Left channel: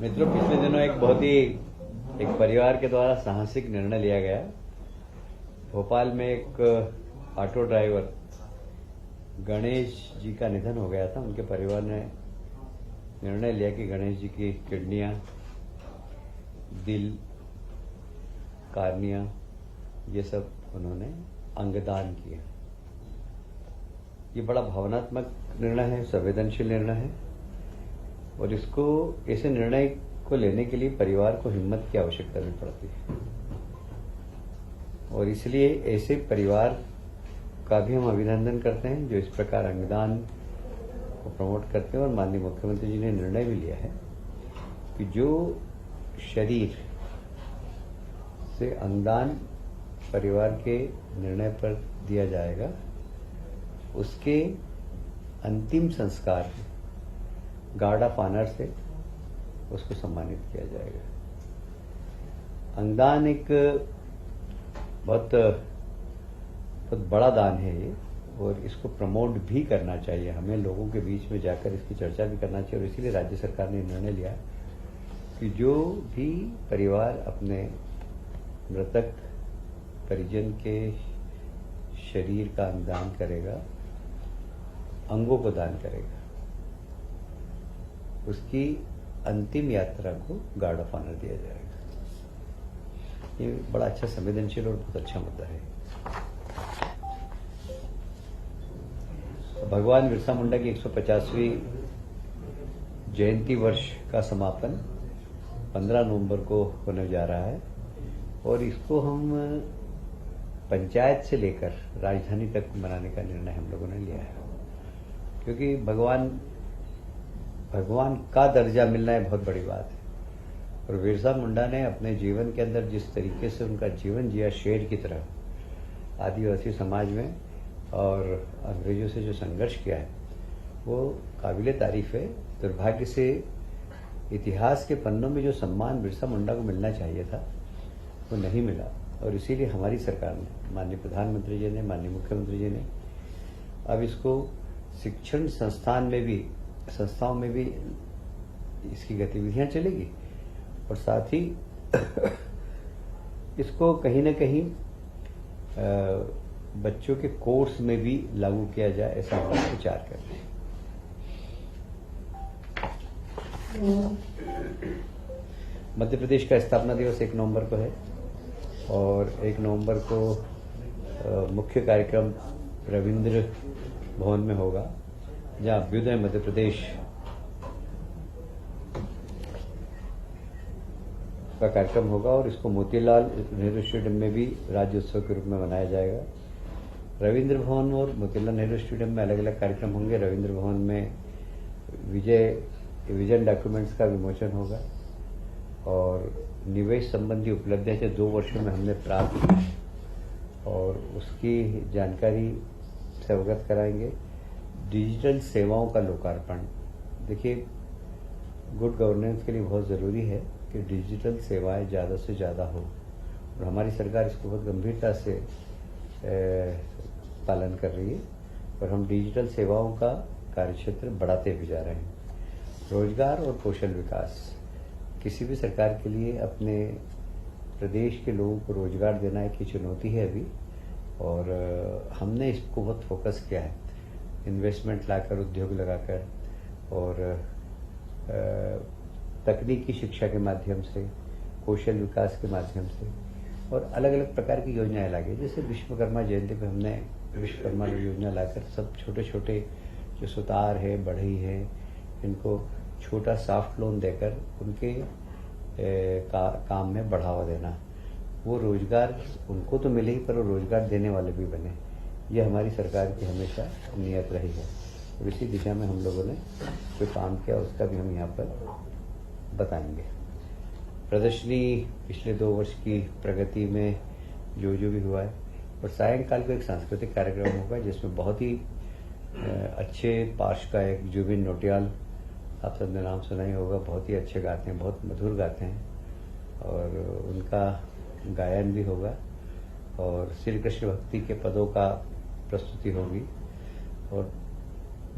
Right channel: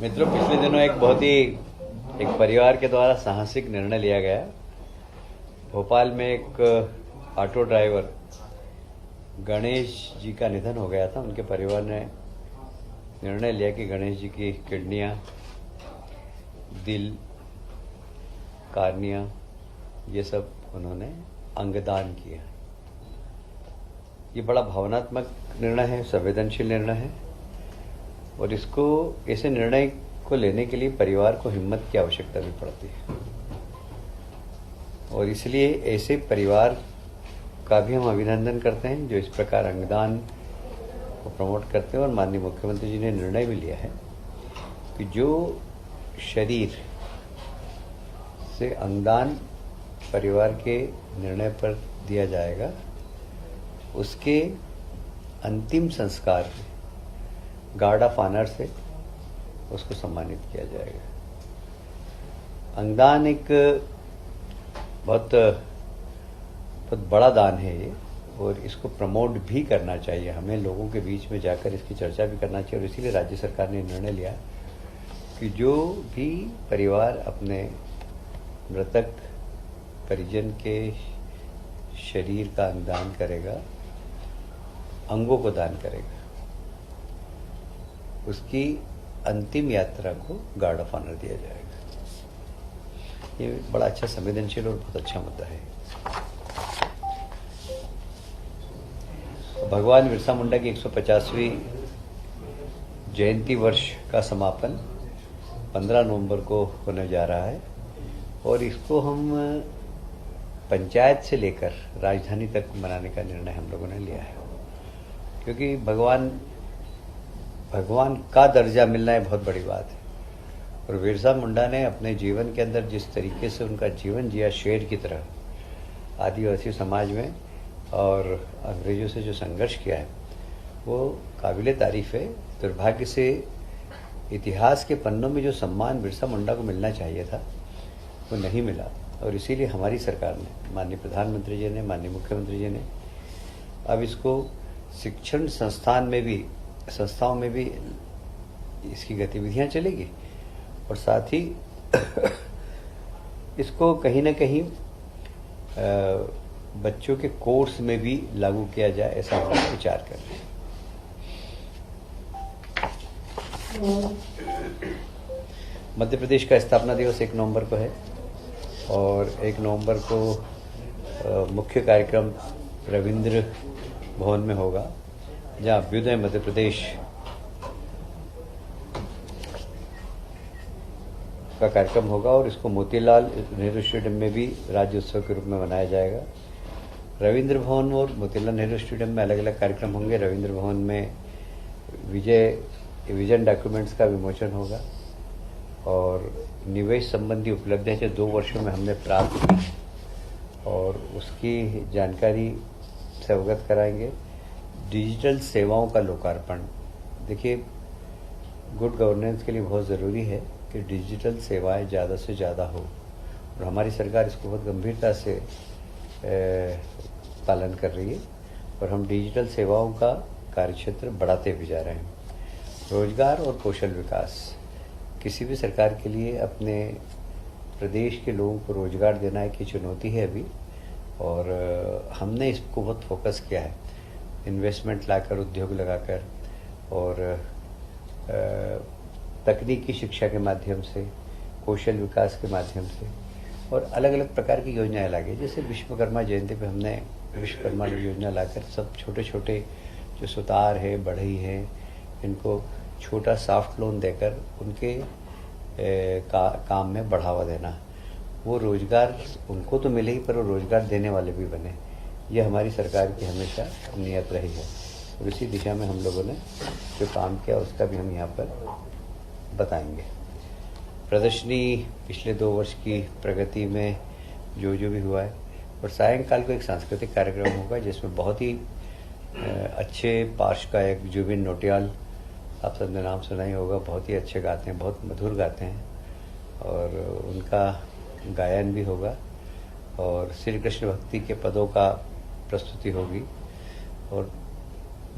मित्रों, पिछले दिनों एक बहुत ही एक परिवार के द्वारा साहसिक निर्णय लिया गया। भोपाल में एक ऑटो ड्राइवर गणेश जी का निधन हो गया था। उनके परिवार ने निर्णय लिया कि गणेश जी की किडनियां, दिल, कार्निया, ये सब उन्होंने अंगदान किया। ये बड़ा भावनात्मक निर्णय है, संवेदनशील निर्णय है और इसको ऐसे निर्णय को लेने के लिए परिवार को हिम्मत की आवश्यकता भी पड़ती है और इसलिए ऐसे परिवार का भी हम अभिनंदन करते हैं जो इस प्रकार अंगदान को प्रमोट करते हैं। और माननीय मुख्यमंत्री जी ने निर्णय भी लिया है कि जो शरीर से अंगदान परिवार के निर्णय पर दिया जाएगा उसके अंतिम संस्कार गार्ड ऑफ ऑनर से उसको सम्मानित किया जाएगा। अंगदान एक बहुत बड़ा दान है ये और इसको प्रमोट भी करना चाहिए। हमें लोगों के बीच में जाकर इसकी चर्चा भी करना चाहिए और इसीलिए राज्य सरकार ने निर्णय लिया कि जो भी परिवार अपने मृतक परिजन के शरीर का अंगदान करेगा, अंगों को दान करेगा, उसकी अंतिम यात्रा को गार्ड ऑफ ऑनर दिया जाएगा। ये बड़ा अच्छा संवेदनशील और बहुत अच्छा मुद्दा है। भगवान बिरसा मुंडा की 150वीं जयंती वर्ष का समापन 15 नवंबर को होने जा रहा है और इसको हम पंचायत से लेकर राजधानी तक मनाने का निर्णय हम लोगों ने लिया है, क्योंकि भगवान का दर्जा मिलना है बहुत बड़ी बात है। और बिरसा मुंडा ने अपने जीवन के अंदर जिस तरीके से उनका जीवन जिया, शेर की तरह आदिवासी समाज में और अंग्रेजों से जो संघर्ष किया है वो काबिले तारीफ है। दुर्भाग्य से इतिहास के पन्नों में जो सम्मान बिरसा मुंडा को मिलना चाहिए था वो नहीं मिला और इसीलिए हमारी सरकार ने, माननीय प्रधानमंत्री जी ने, माननीय मुख्यमंत्री जी ने अब इसको शिक्षण संस्थाओं में भी इसकी गतिविधियां चलेगी और साथ ही इसको कहीं ना कहीं बच्चों के कोर्स में भी लागू किया जाए, ऐसा हम विचार कर रहे हैं। मध्य प्रदेश का स्थापना दिवस 1 नवंबर को है और 1 नवंबर को मुख्य कार्यक्रम रविंद्र भवन में होगा, जहां अभ्युदय मध्य प्रदेश का कार्यक्रम होगा और इसको मोतीलाल नेहरू स्टेडियम में भी राज्य उत्सव के रूप में मनाया जाएगा। रविंद्र भवन और मोतीलाल नेहरू स्टेडियम में अलग अलग कार्यक्रम होंगे। रविंद्र भवन में विजन डॉक्यूमेंट्स का विमोचन होगा और निवेश संबंधी उपलब्धियां जो 2 वर्षों में हमने प्राप्त की और उसकी जानकारी से अवगत कराएंगे। डिजिटल सेवाओं का लोकार्पण, देखिए गुड गवर्नेंस के लिए बहुत ज़रूरी है कि डिजिटल सेवाएं ज़्यादा से ज़्यादा हो और हमारी सरकार इसको बहुत गंभीरता से पालन कर रही है और हम डिजिटल सेवाओं का कार्यक्षेत्र बढ़ाते भी जा रहे हैं। रोजगार और कौशल विकास, किसी भी सरकार के लिए अपने प्रदेश के लोगों को रोजगार देना एक चुनौती है अभी और हमने इसको बहुत फोकस किया है, इन्वेस्टमेंट लाकर, उद्योग लगाकर और तकनीकी शिक्षा के माध्यम से, कौशल विकास के माध्यम से और अलग अलग प्रकार की योजनाएं लागे। जैसे विश्वकर्मा जयंती पे हमने विश्वकर्मा योजना लाकर सब छोटे छोटे जो सुतार है, बढ़ई है, इनको छोटा सॉफ्ट लोन देकर उनके काम में बढ़ावा देना। वो रोजगार उनको तो मिले ही पर वो रोजगार देने वाले भी बने। ये हमारी सरकार की हमेशा नियत रही है और इसी दिशा में हम लोगों ने जो काम किया उसका भी हम यहाँ पर बताएंगे। प्रदर्शनी पिछले 2 वर्ष की प्रगति में जो भी हुआ है और सायंकाल को एक सांस्कृतिक कार्यक्रम होगा जिसमें बहुत ही अच्छे पार्श्व गायक जुबिन नौटियाल, आप सबने नाम सुना ही होगा, बहुत ही अच्छे गाते हैं, बहुत मधुर गाते हैं और उनका गायन भी होगा और श्री कृष्ण भक्ति के पदों का प्रस्तुति होगी और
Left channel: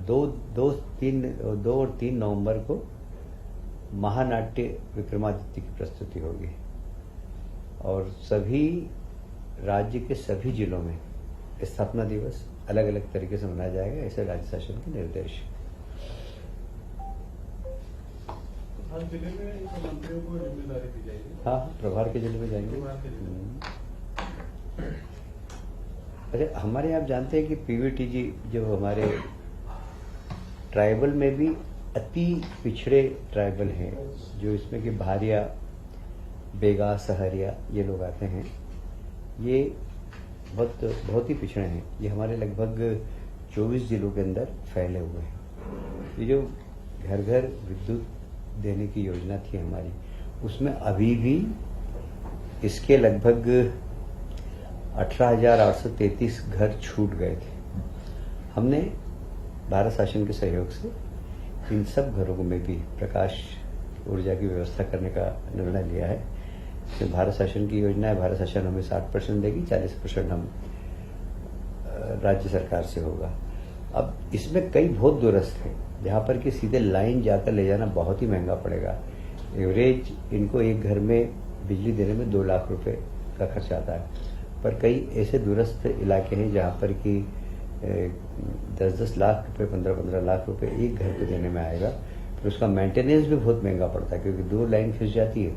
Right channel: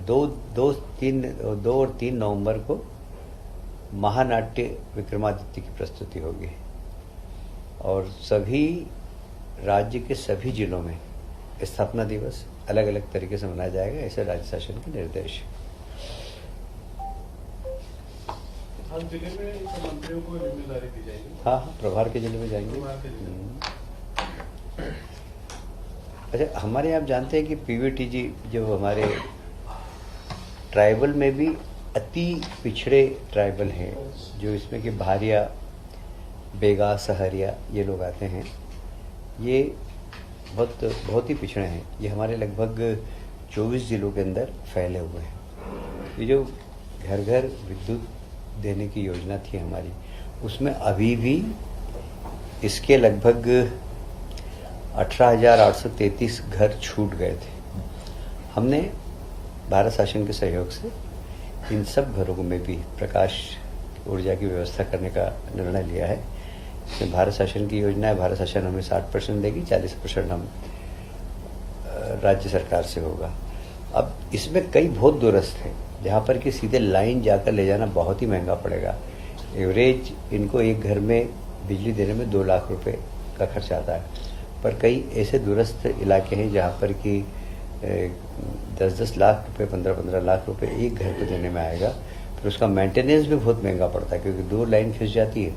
2 और 3 नवंबर को महानाट्य विक्रमादित्य की प्रस्तुति होगी और सभी राज्य के सभी जिलों में स्थापना दिवस अलग अलग तरीके से मनाया जाएगा, ऐसे राज्य शासन के निर्देश। हर जिले में मंत्रियों को जिम्मेदारी दी जाएगी। हाँ, प्रभार के जिले में जाएंगे। अच्छा, हमारे यहाँ आप जानते हैं कि पीवीटीजी जो हमारे ट्राइबल में भी अति पिछड़े ट्राइबल हैं, जो इसमें कि भारिया, बेगा, सहरिया ये लोग आते हैं, ये बहुत ही पिछड़े हैं। ये हमारे लगभग 24 जिलों के अंदर फैले हुए हैं। ये जो घर घर विद्युत देने की योजना थी हमारी, उसमें अभी भी इसके लगभग 18,833 घर छूट गए थे। हमने भारत शासन के सहयोग से इन सब घरों में भी प्रकाश ऊर्जा की व्यवस्था करने का निर्णय लिया है कि भारत शासन की योजना है, भारत शासन हमें 60% देगी, 40% हम राज्य सरकार से होगा। अब इसमें कई बहुत दूरस्थ हैं जहाँ पर कि सीधे लाइन जाकर ले जाना बहुत ही महंगा पड़ेगा। एवरेज इनको एक घर में बिजली देने में 2 लाख रुपए का खर्च आता है, पर कई ऐसे दूरस्थ इलाके हैं जहाँ पर कि 10-10 लाख रुपए, 15-15 लाख रुपए एक घर को देने में आएगा। फिर उसका मेंटेनेंस भी बहुत महंगा पड़ता है, क्योंकि दूर लाइन खिंच जाती है,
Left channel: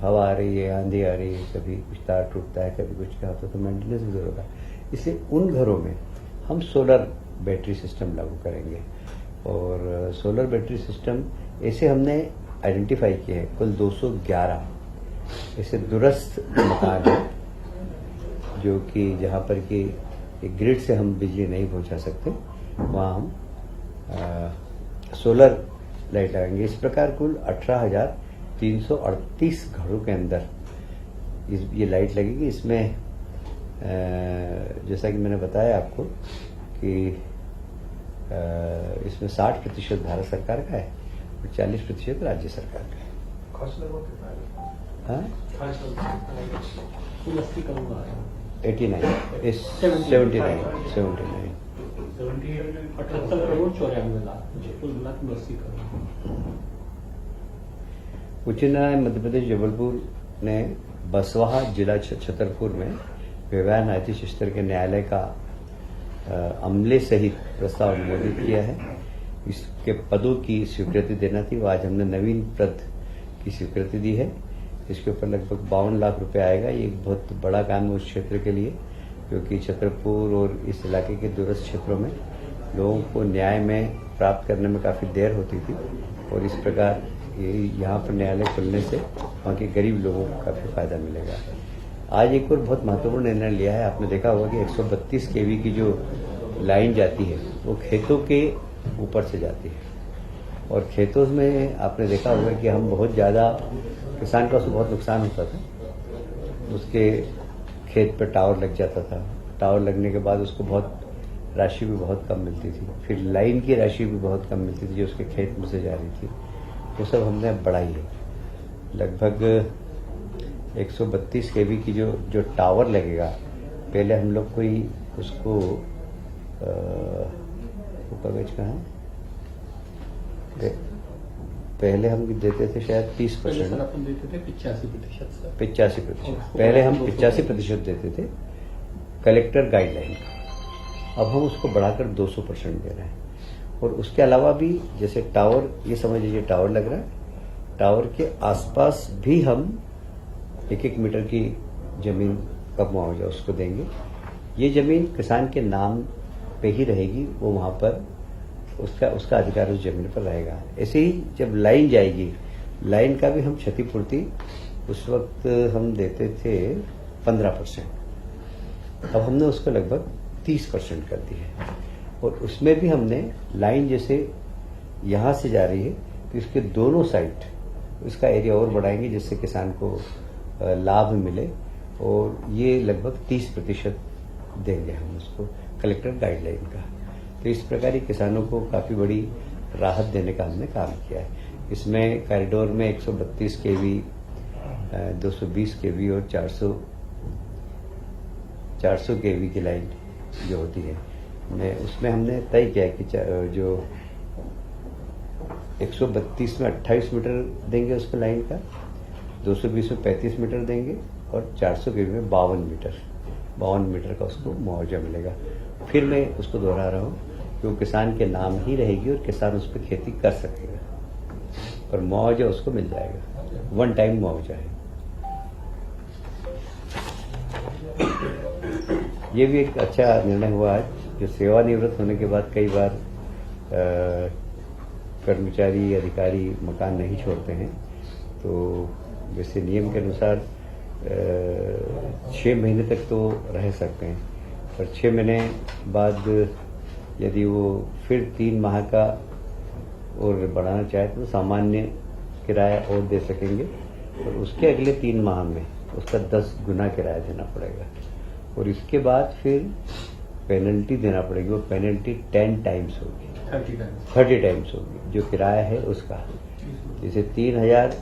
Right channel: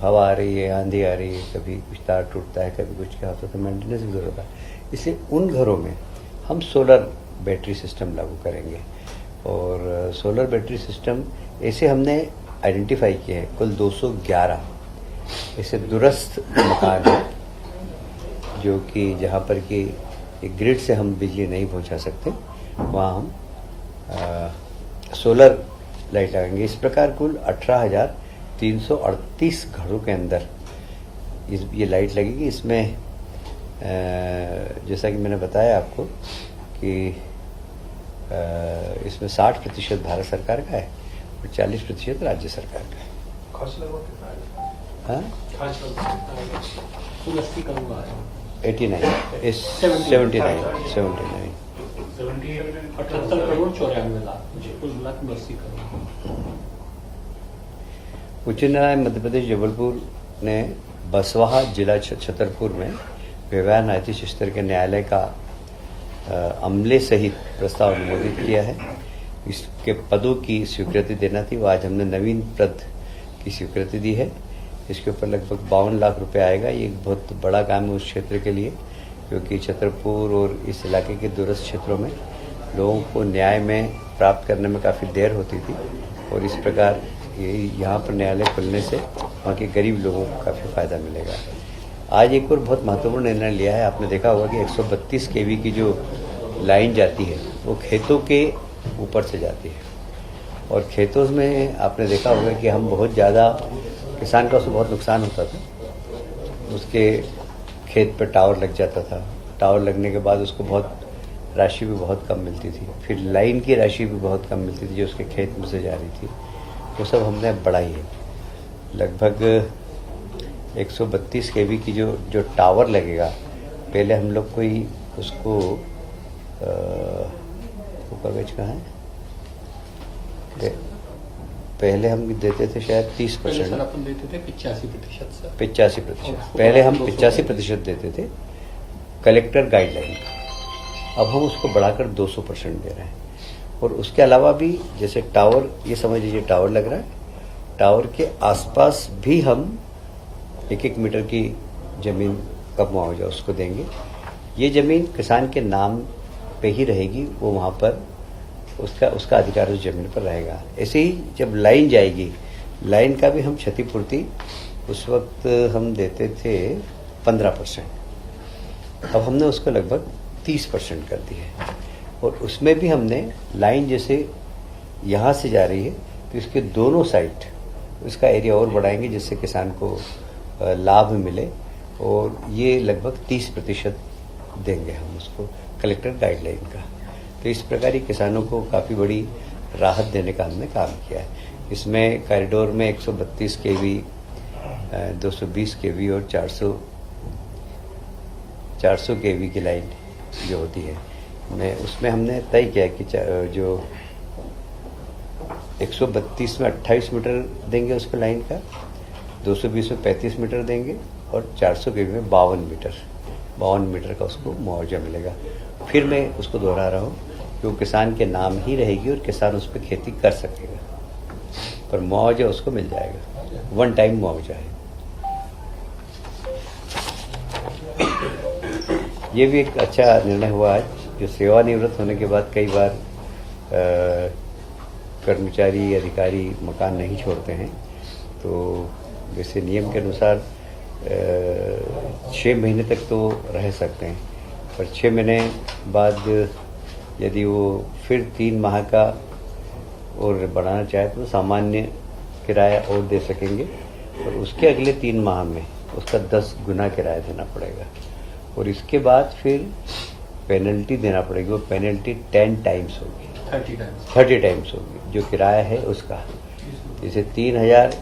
हवा आ रही है, आंधी आ रही है, कभी कुछ तार टूटता है, कभी कुछ क्या होता है, तो मेंटेनेंस भी दूर होता है। इसलिए उन घरों में हम सोलर बैटरी सिस्टम लागू करेंगे और सोलर बैटरी सिस्टम ऐसे हमने आइडेंटिफाई किए हैं। कुल 211 ऐसे दूरस्थ मकान हैं जो कि जहाँ पर कि एक ग्रिड से हम बिजली नहीं पहुँचा सकते, वहाँ हम सोलर लाइट लगाएंगे। इस प्रकार कुल 18,338 घरों के अंदर ये लाइट लगेगी। इसमें जैसा कि मैंने बताया आपको कि इसमें 60% भारत सरकार का है और 40% राज्य सरकार का है। हाँ, 89 उच्च न्यायालय मध्य प्रदेश जबलपुर ने बसवाहा जिला छतरपुर में व्यवहार न्यायाधीश स्तर के न्यायालय का अमले सहित प्रस्ताव अनुमोदित किया है। इसके पदों की स्वीकृति देना थी, वो आज हमने नवीन पद की स्वीकृति दी है। इसके ऊपर लगभग 52 लाख रुपए आएगा। ये एक बहुत बड़ा काम है उस क्षेत्र के लिए, क्योंकि छतरपुर और इस इलाके के दूरस्थ क्षेत्रों में लोगों को न्याय में प्राप्त करने में काफ़ी देर होती थी और इस प्रकार ये यहाँ पर न्यायालय खुलने से वहाँ के गरीब लोगों को काफ़ी फायदा मिलेगा। आज एक और बहुत महत्वपूर्ण निर्णय लिया है। आपने देखा होगा कि 132 केवी की जो लाइन जाती है वो खेतों के ऊपर से जाती है और खेतों में आपने देखा होगा कि हम बहुत ज़्यादा किसान का उससे बहुत नुकसान होता था। उसके खेत पे टावर लग जाता था, टावर लगने के बाद उसको बहुत राशि भी बहुत कम मिलती थी, फिर लाइन की राशि भी बहुत कम मिलती थी जो उसके खेत में से जा रही थी। वो सब हमने बढ़ाई है। लगभग 132 केवी की जो टावर लगेगा, पहले हम लोग कोई उसको कागज कहाँ है, पहले हम देते थे शायद 30%, अपन देते थे 85%। 85%। पहले हम 85% देते थे कलेक्टर गाइडलाइन, अब हम उसको बढ़ाकर 200% दे रहे हैं। और उसके अलावा भी जैसे टावर, ये समझ लीजिए टावर लग रहा है, टावर के आसपास भी हम 1-1 मीटर की जमीन का मुआवजा उसको देंगे। ये जमीन किसान के नाम पे ही रहेगी, वो वहाँ पर उसका अधिकार उस जमीन पर रहेगा। ऐसे ही जब लाइन जाएगी, लाइन का भी हम क्षतिपूर्ति उस वक्त हम देते थे 15%, अब हमने उसको लगभग 30% कर दी है। और उसमें भी हमने लाइन जैसे यहाँ से जा रही है तो इसके दोनों साइड उसका एरिया और बढ़ाएंगे जिससे किसान को लाभ मिले और ये लगभग 30% देंगे हम उसको कलेक्टर गाइडलाइन का। तो इस प्रकार ही किसानों को काफ़ी बड़ी राहत देने का हमने काम किया है। इसमें कॉरिडोर में 132 केवी, 220 केवी और 400 केवी की लाइन जो होती है, उसमें हमने तय किया कि जो 132 में 28 मीटर देंगे उसको लाइन का, 220 में 35 मीटर देंगे और 400 के में 52 मीटर का उसको मुआवजा मिलेगा। फिर मैं उसको दोहरा रहा हूँ कि वो किसान के नाम ही रहेगी और किसान उस पर खेती कर सकेगा, पर मुआवजा उसको मिल जाएगा, वन टाइम मुआवजा है। ये भी एक अच्छा निर्णय हुआ है, जो सेवानिवृत्त होने के बाद कई बार कर्मचारी अधिकारी मकान नहीं छोड़ते हैं, तो जैसे नियम के अनुसार 6 महीने तक तो रह सकते हैं, पर 6 महीने बाद यदि वो फिर 3 माह का और बढ़ाना चाहे तो सामान्य किराया और दे सकेंगे, और उसके अगले 3 माह में उसका 10 गुना किराया देना पड़ेगा, और इसके बाद फिर पेनल्टी देना पड़ेगी। वो पेनल्टी 10 टाइम्स होगी, 30 टाइम्स होगी जो किराया है उसका। जैसे 3,000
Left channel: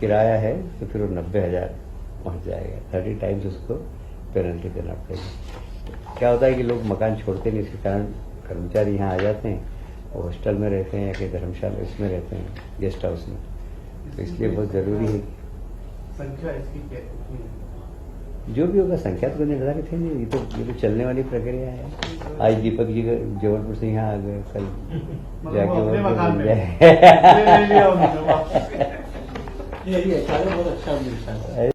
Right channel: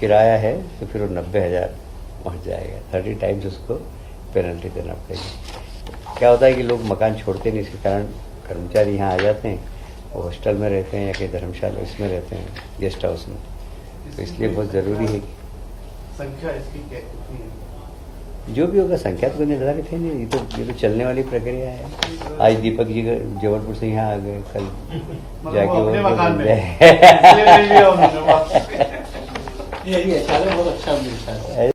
किराया है तो फिर वो 90,000 पहुँच जाएगा, 30 टाइम्स उसको पेनल्टी देना पड़ेगा। क्या होता है कि लोग मकान छोड़ते नहीं, इसके कारण कर्मचारी यहाँ आ जाते हैं, वो हॉस्टल में रहते हैं या कहीं धर्मशाला उसमें रहते हैं, गेस्ट हाउस में, तो इसलिए बहुत ज़रूरी है कि संख्या इसकी क्या कितनी है? जो भी होगा संख्या तो निर्धारित है नहीं, ये तो चलने वाली प्रक्रिया है। आज दीपक जी जबलपुर से यहाँ आ गए, कल जाके अपने वो मकान मिल में। जाए। ये नहीं लिया उन्होंने। यही है, सारे बहुत अच्छा मिलता है।